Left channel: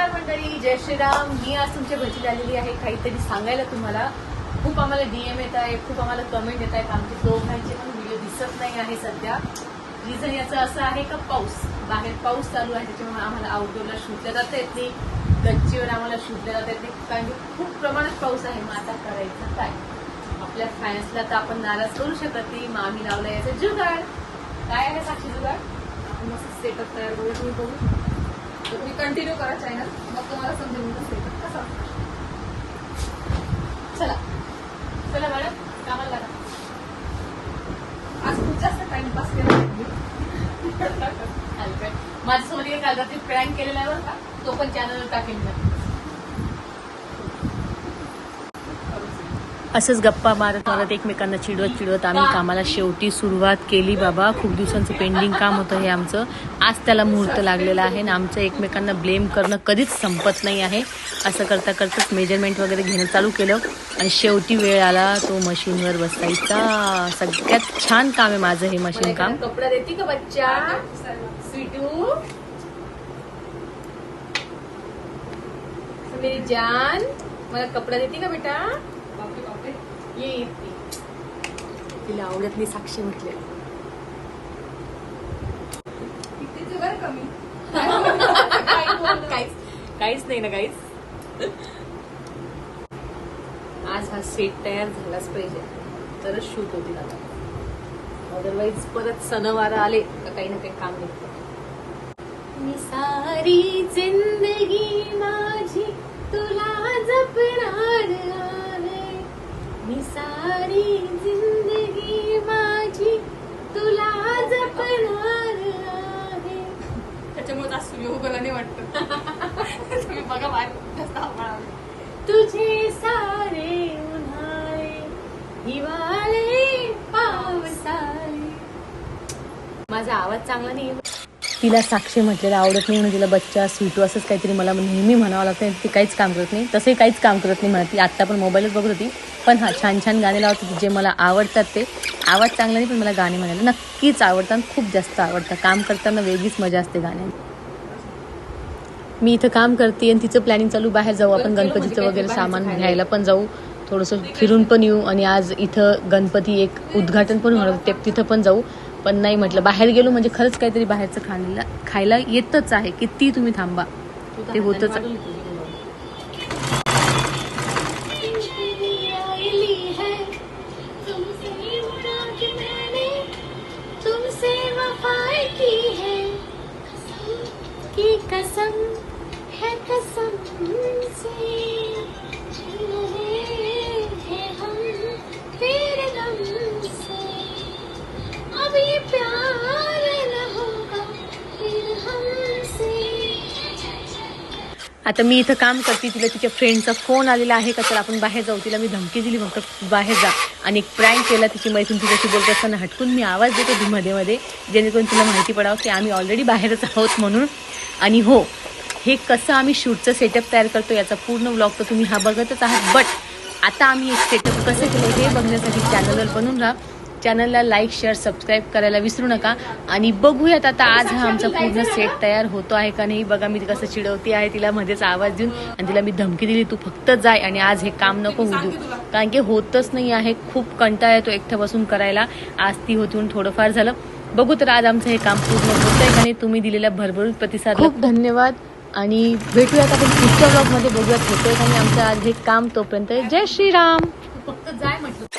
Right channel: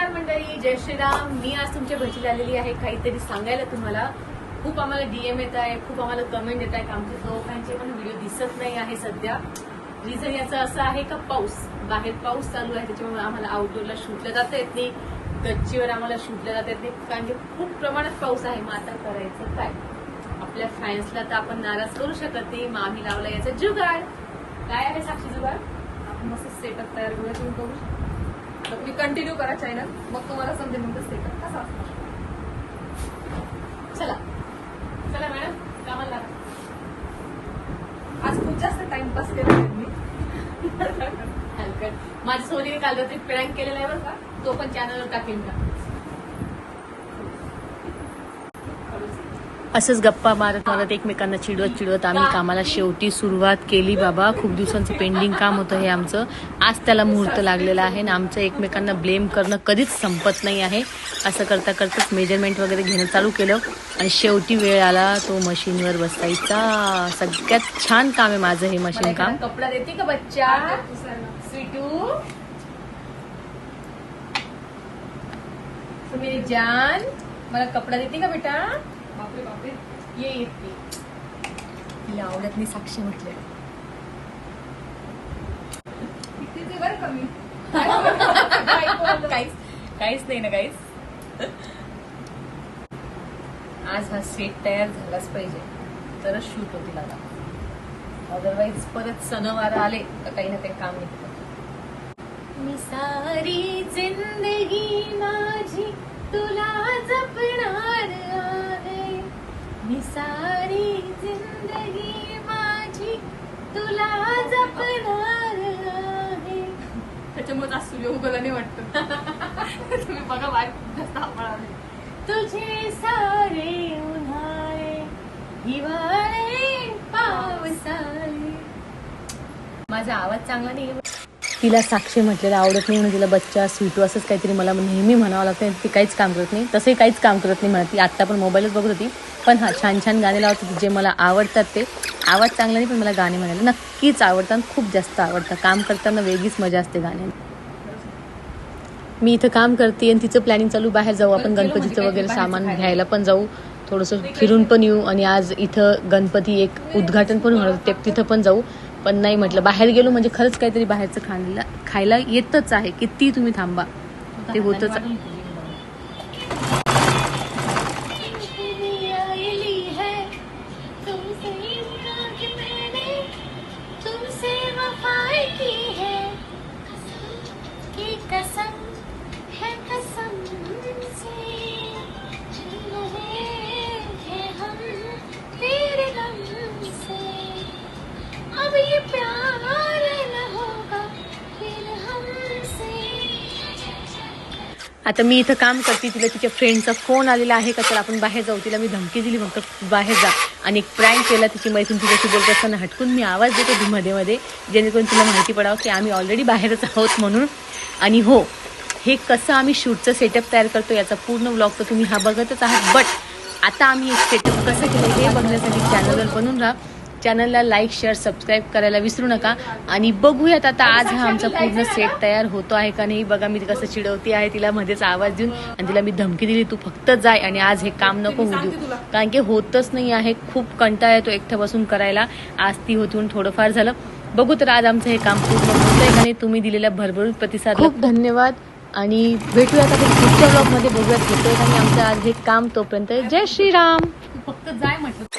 नमस्कार मंडळी, जय श्रीराम. मी आज तुमच्या घरी आलेली आहे काहीतरी सांगायला तुम्हाला. खूप आम्हाला डीएम येत आहे, खूप आम्हाला कमेंट येत आहे की आमचे दोघांचे पण व्हिडिओ दिसत नाही आहे सध्या. रिझन याचं असं आहे का बाहेर पाऊस चालू आहे, त्याच्यामुळे आम्हाला आउटडोअरला शूटला जाता येत नाही, गच्चीवर आम्हाला शूटला जाता येत नाही कारण की खूप प्रमाणात पाऊस आहे. मग आता करायचं काय? आपल्या फॅन्सला तर आपण नाराज करू शकत नाही. मग आम्ही लावला याचा जुगाड. काय आहे साक्षी जुगाड? आपण मस्त सेटअप तयार करूया. तुम्ही बघू शकता. तर तुम्ही कंटिन्यू करा चॅनल, मग तुम्हाला समजेल मग सेटअप कसा. चला चला मॅडम, कामाला लागा. आज खूप जास्त टाइमपास केला मी. हलकट माझ्या सोनीने काल रात्री प्रँक केलेला आहे बरं का, तो पण चॅनलवर टाकेन का. असंच गप्पा मारत मारत एकमेकांना चिडवत आम्ही कामाला शेवटी सुरुवात केली. बाबा खूप दिवसांचं पेंडिंग काम होतं हे आमचं. आज त्याला मुहूर्त लागलेला आहे आणि आमचं एकमेकांना ब्लेम करणं कधीच संपत नाही आहे. असं करता करताच मेजरमेंट वगैरे घेणं चालू केलं आणि शेवटी वेळ आला तो मशीनवर बसायचा. सगळ्यात छान काम आहे माझं हे मशीन काम. कपडा देते का बच्चा स्वीटू? मेरी जान, मला कपडा देते का बेटा? बापरे बापरे, ये तिला आवडत नाही साक्षी म्हटले. किती बरं कमी काहीच नाही ना काहीच. आज हा सेट तयार झालाच पाहिजे तरच शूट होतील आता, अदरवाईज परत सणवार आले तर काही ना काही काम निघतं. मी सारी जिंदगी माझी तुला जपणार आहे, मी सारी जिंदगी माझी तुला जपणार आहे. त्याच्यामुळे आज सूर्य उगवला नाही वाटत. तुम्ही बघा बाहेर खूप जास्त आभाळ. तुझे सारे उन्हाळे हिवाळे पावसाळे. माझा आवाज चांगला नाही. तिला साक्षी म्हटलेलं आवडत नाही म्हणून तिला बच्चा स्वीटू असंच काहीतरी मला नेहमी म्हणावं लागतं. ती काहीच काम करत नाही, तसंही काहीच काम करत नाही म्हणत. ती आत्ता पण मोबाईलच बघत होती. पण हा छान छान गाणे लावत होती जे मला आवडतात. ते आवाज चांगला नाही पण मला गाणे म्हणायला नक्कीच आवडतात, खूप जास्त आवडतात. काम करताना वेगळीच मजा असते गाण्यात. मी इथं काम करते आणि तिचं प्लॅनिंग चालू बाहेर जाऊ आपण गणपतीचं वगैरे सामान घ्यायला पण जाऊ, थोडंसं फिरून पण येऊ आणि आज इथं गणपती एक उद्घाटन पण होणार ते तिथं पण जाऊ. पण नाही म्हटलं बाहेर गेलो म्हणजे खरंच काहीतरी बाहेरचं खायला येतच आहे. किती तुम्ही थांबा ते होतच. कसम है कसम से हम तेरे गम से, अब ये प्यार न होगा फिर हमसे. आता मी इथं काम करते, तिला तिच्या फ्रेंडचा फोन आलेला आहे का तर आपण बाहेर जाऊ. तिला मी धमकी दिली फक्त बाहेर जा आणि एक प्रँक केला. तिची मैत्रीण तिच्याशी बोलत असताना हटकून मी आवाज देतो मध्ये मध्ये जेणेकरून तिला माहिती पडावं की आम्ही ऑलरेडी बाहेरच आहोत म्हणून. आणि हो, हे कसं आम्ही शूटचं सेटअप तयार करतो याचा पूर्ण व्लॉग तर तुम्ही हा बघतच आहात. बट आता आम्ही एक सेटअप कसं केलं हे बघण्यासाठी चॅनलवर बनून राहा. चॅनलला लाईक शेअर सबस्क्राईब करायला विसरू नका. आणि बघूयात आता आज हा आमचा पूर्ण सेट तयार होतो आहे का नाही. बघा मी कसं चिडवते आहे तिला मध्येच आवाज देऊन आणि तिला मी धमकी दिली तू फक्त जाय आणि आज हे काम नको होऊ देऊ कारण की होतच नाही आहे. खूप कंटाळा येतो एकटं बसून करायला. आज ती होती म्हणून थोडंफार झालं. बघू तर आज आमचं हे काम पूर्ण होतंय का नाही. तुम्ही दिलेल्या भरभरून प्रतिसाद खूप धन्यवाद आणि भेटूयात आपण पुढच्या ब्लॉग मध्ये. बघूयात होतोय का नाही आमचं आज हे काम. तोपर्यंत जय श्रीराम. फक्त जाय म्हटलं.